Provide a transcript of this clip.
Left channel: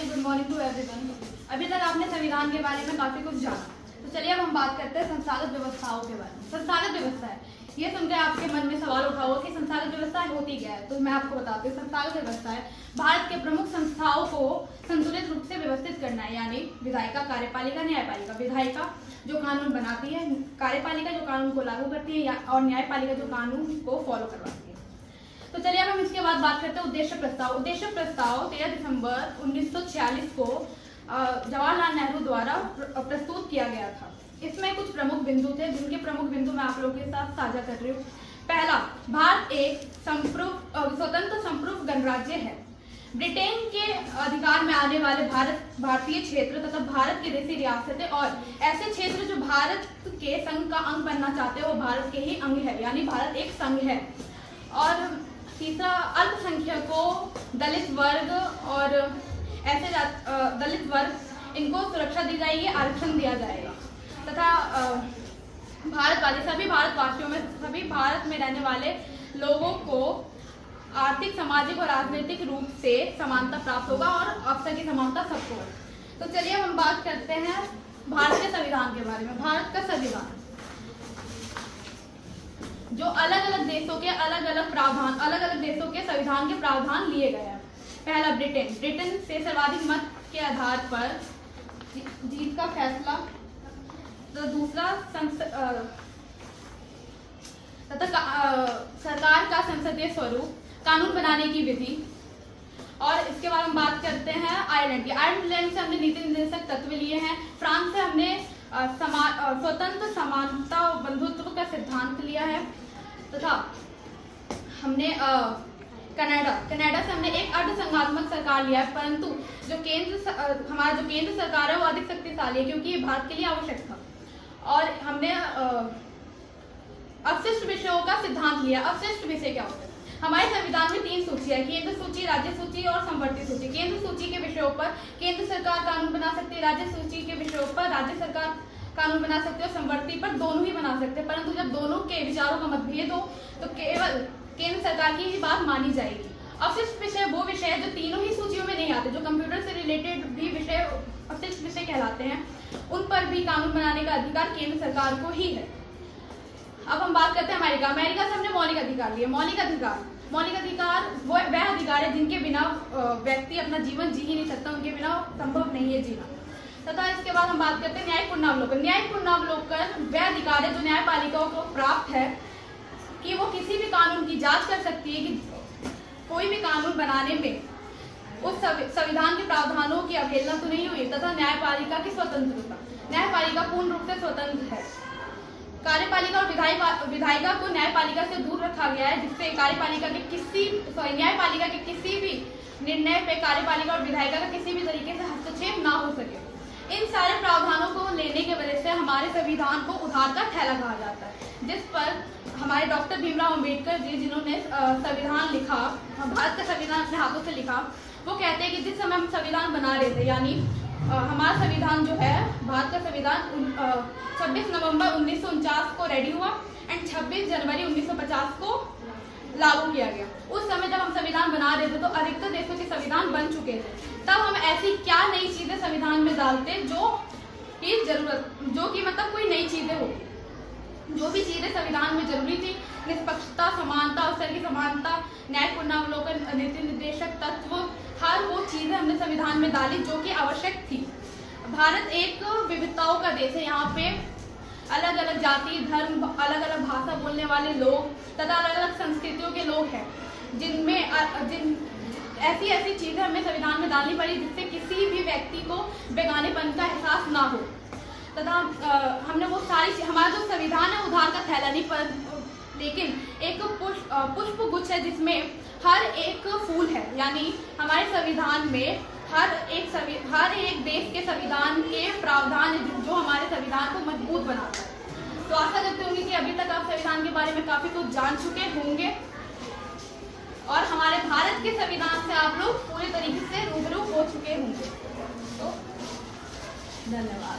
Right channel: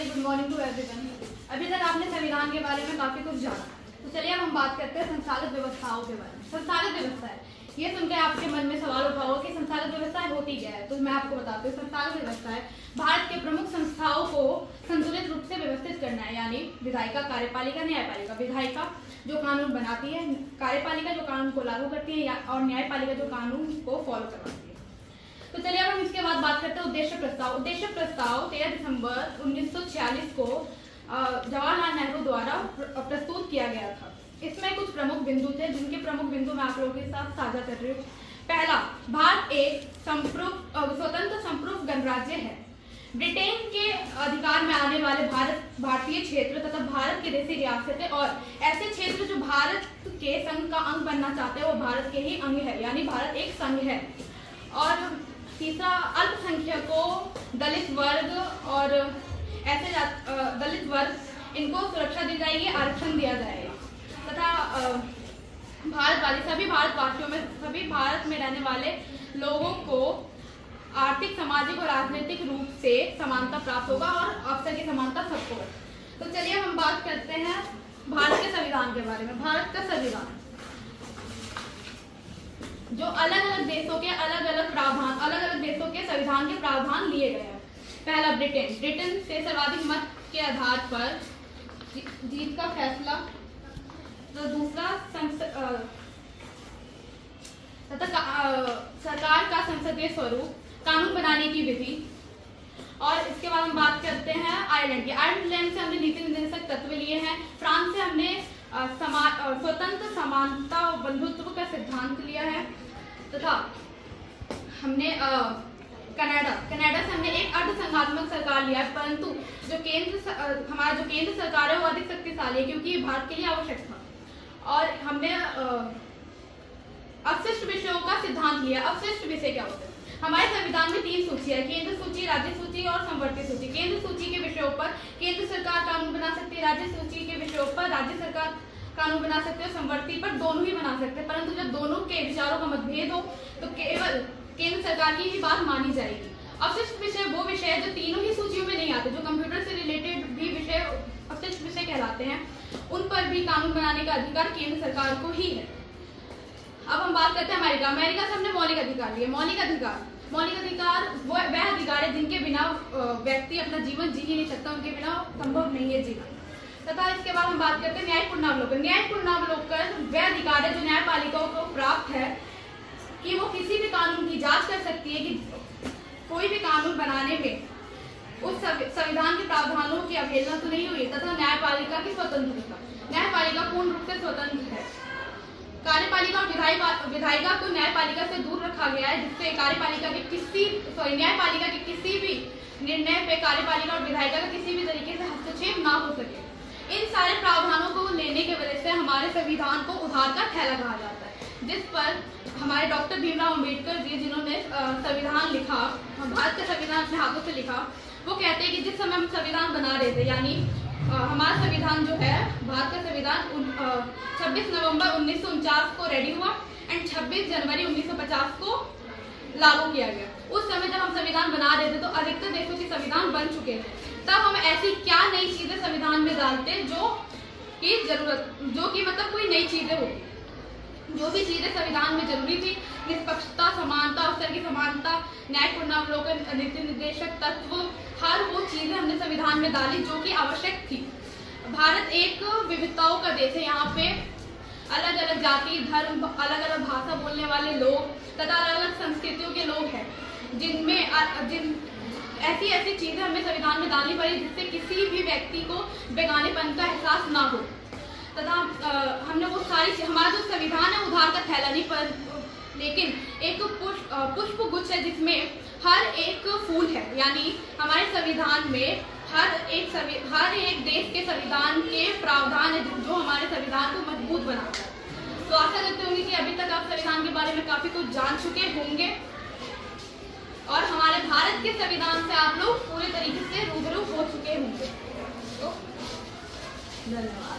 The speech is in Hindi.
Very good morning to everyone. अभी तक आपने संविधान के बारे में काफी कुछ जाना, तो चलिए अब हम बात करते हैं संस्थागत व्यवस्थाओं के बारे में। संस्थागत व्यवस्था है, ये सुनकर आपके मन में सवाल उठा होगा कि संस्थागत व्यवस्था होती क्या है। तो मैं आपको बताती हूँ। संस्थागत व्यवस्था है भारत के प्रमुख संस्थाओं को संतुलित रूप से व्यवस्थित करना है, यानी विधायिका, कार्यपालिका, न्यायपालिका। विधायिका जो कानून बनाती है, कार्यपालिका जो कानून को लागू करती है, और न्यायपालिका जो कानून को फॉलो करवाती है। तो चलिए अब हम इसके बाद बात करते हैं उद्देश्य प्रस्ताव। उद्देश्य प्रस्ताव 13 दिसंबर 1946 को जवाहरलाल नेहरू द्वारा प्रस्तुत किया गया था। इसमें कुछ प्रमुख बिंदु थे, जिनके प्रमुख बिंदु मैं आप लोगों के साथ साझा कर रही हूँ। पहला, भारत एक स्वतंत्र संप्रभु गणराज्य है। ब्रिटेन के अधिकार में आने वाले भारतीय क्षेत्र तथा भारत की देशी रियासतें और ऐसे क्षेत्र जो भारत के संघ का अंग बनना चाहते हैं, वो भारत के ही अंग है, यानी भारत एक संघ है। और तीसरा, अल्पसंख्यकों, दलित वर्ग और ऐसे दलित वर्ग, इनको सुरक्षा दी जाएगी, आरक्षण दिया जाएगा तथा सभी भारतवासियों में, सभी भारत में रहने वाले लोगों को आर्थिक, सामाजिक और राजनीतिक रूप से समानता प्राप्त होगा और अवसर की समानता सबको है। तो चलिए हम बात करते हैं भारत के संविधान के बारे में। भारत का संविधान जो अलग अलग देशों के अलग अलग देशों के संविधान के प्रावधान लिए गए हैं। पहला, ब्रिटेन से सर्वाधिक मत के आधार पर जीत का फैसला। तो दूसरा, सरकार का संसदीय स्वरूप, कानून बनाने की विधि। और इसके बाद हम बात करते हैं आयरलैंड की। आयरलैंड से हमने नीति निर्देशक तत्व लिए हैं। फ्रांस से हमने स्वतंत्र, समानता और बंधुत्व का सिद्धांत लिया है तथा हमने कनाडा से हमने एक अर्धसंघात्मक सरकार लिया है, परंतु हमारा जो केंद्र सरकार है वो अधिक शक्तिशाली है, क्योंकि ये भारत के लिए आवश्यक था। और हमने अवशिष्ट विषयों का सिद्धांत लिया। अवशिष्ट विषय क्या होते हैं? हमारे संविधान में 3 सूची है, केंद्र सूची, राज्य सूची और संवर्ती सूची। केंद्र सूची के विषयों पर केंद्र सरकार कानून बना सकती है, राज्य सूची के विषयों पर राज्य सरकार कानून बना सकते हैं, संवर्ती पर दोनों ही बना सकते हैं। परंतु जब दोनों के विचारों का मतभेद हो तो केवल केंद्र सरकार की ही बात मानी जाएगी। अवशिष्ट विषय वो विषय है जो तीनों ही सूचियों में नहीं आते, जो कंप्यूटर से रिलेटेड भी विषय अवशिष्ट विषय कहलाते हैं। उन पर भी कानून बनाने का अधिकार केंद्र सरकार को ही है। अब हम बात करते हैं अमेरिका से हमने मौलिक अधिकार लिए। मौलिक अधिकार वो वह अधिकार है जिनके बिना व्यक्ति अपना जीवन जी ही नहीं सकता, उनके बिना संभव नहीं है जीना। तथा इसके बाद हम बात करते हैं न्यायिक पुनरावलोकन। न्यायिक पुनरावलोकन वह अधिकार है जो न्यायपालिकाओं को प्राप्त है कि वो किसी भी कानून की जांच कर सकती है कि कोई भी कानून बनाने में उस संविधान के प्रावधानों की अवहेलना तो नहीं हुई, तथा न्यायपालिका की स्वतंत्रता। न्यायपालिका पूर्ण रूप से स्वतंत्र है। कार्यपालिका और विधायिका को न्यायपालिका से दूर रखा गया है, जिससे न्यायपालिका के किसी भी निर्णय पे कार्यपालिका और विधायिका का किसी भी तरीके से हस्तक्षेप ना हो सके। इन सारे प्रावधानों को लेने के वजह से हमारे संविधान को उधार का थैला कहा जाता है, जिस पर हमारे डॉक्टर भीमराव अम्बेडकर जी, जिन्होंने संविधान लिखा, भारत का संविधान अपने हाथों से लिखा, वो कहते हैं कि जिस समय हम संविधान बना रहे थे, यानी हमारा संविधान जो है, भारत का संविधान 26 नवंबर 1949 को रेडी हुआ एंड 26 जनवरी 1950 को लागू किया गया। उस समय जब हम संविधान बना रहे थे तो अधिकतर देशों के संविधान बन चुके थे। तब हम ऐसी क्या नई चीजें संविधान में डालते जो कि मतलब कोई नई चीजें होती, जो भी चीजें संविधान में जरूरी थी, निष्पक्षता, समानता, अवसर की समानता, न्यायिक पुनरावलोकन, नीति निर्देशक तत्व, हर वो चीजें हमने संविधान में डाली जो कि आवश्यक थी। भारत एक विविधताओं का देश है। यहाँ पे अलग अलग जाति, धर्म, अलग अलग भाषा बोलने वाले लोग तथा अलग अलग संस्कृतियों के लोग हैं, ऐसी चीजें हमने संविधान में डालनी पड़ी जिससे किसी भी व्यक्ति को बेगानेपन का एहसास ना हो। तथा हमने वो सारी, हमारा जो संविधान है उधार का थैला नहीं, पर लेकिन एक पुष्प गुच्छ है जिसमें हर एक फूल है, यानी हमारे संविधान में हर एक देश के संविधान के प्रावधान है जो हमारे संविधान को मजबूत बनाता है। तो आशा करते होंगे कि अभी तक आप संविधान के बारे में काफी कुछ जान चुके होंगे और हमारे भारत के संविधान से आप लोग पूरे तरीके से रूबरू हो चुके होंगे। तो धन्यवाद।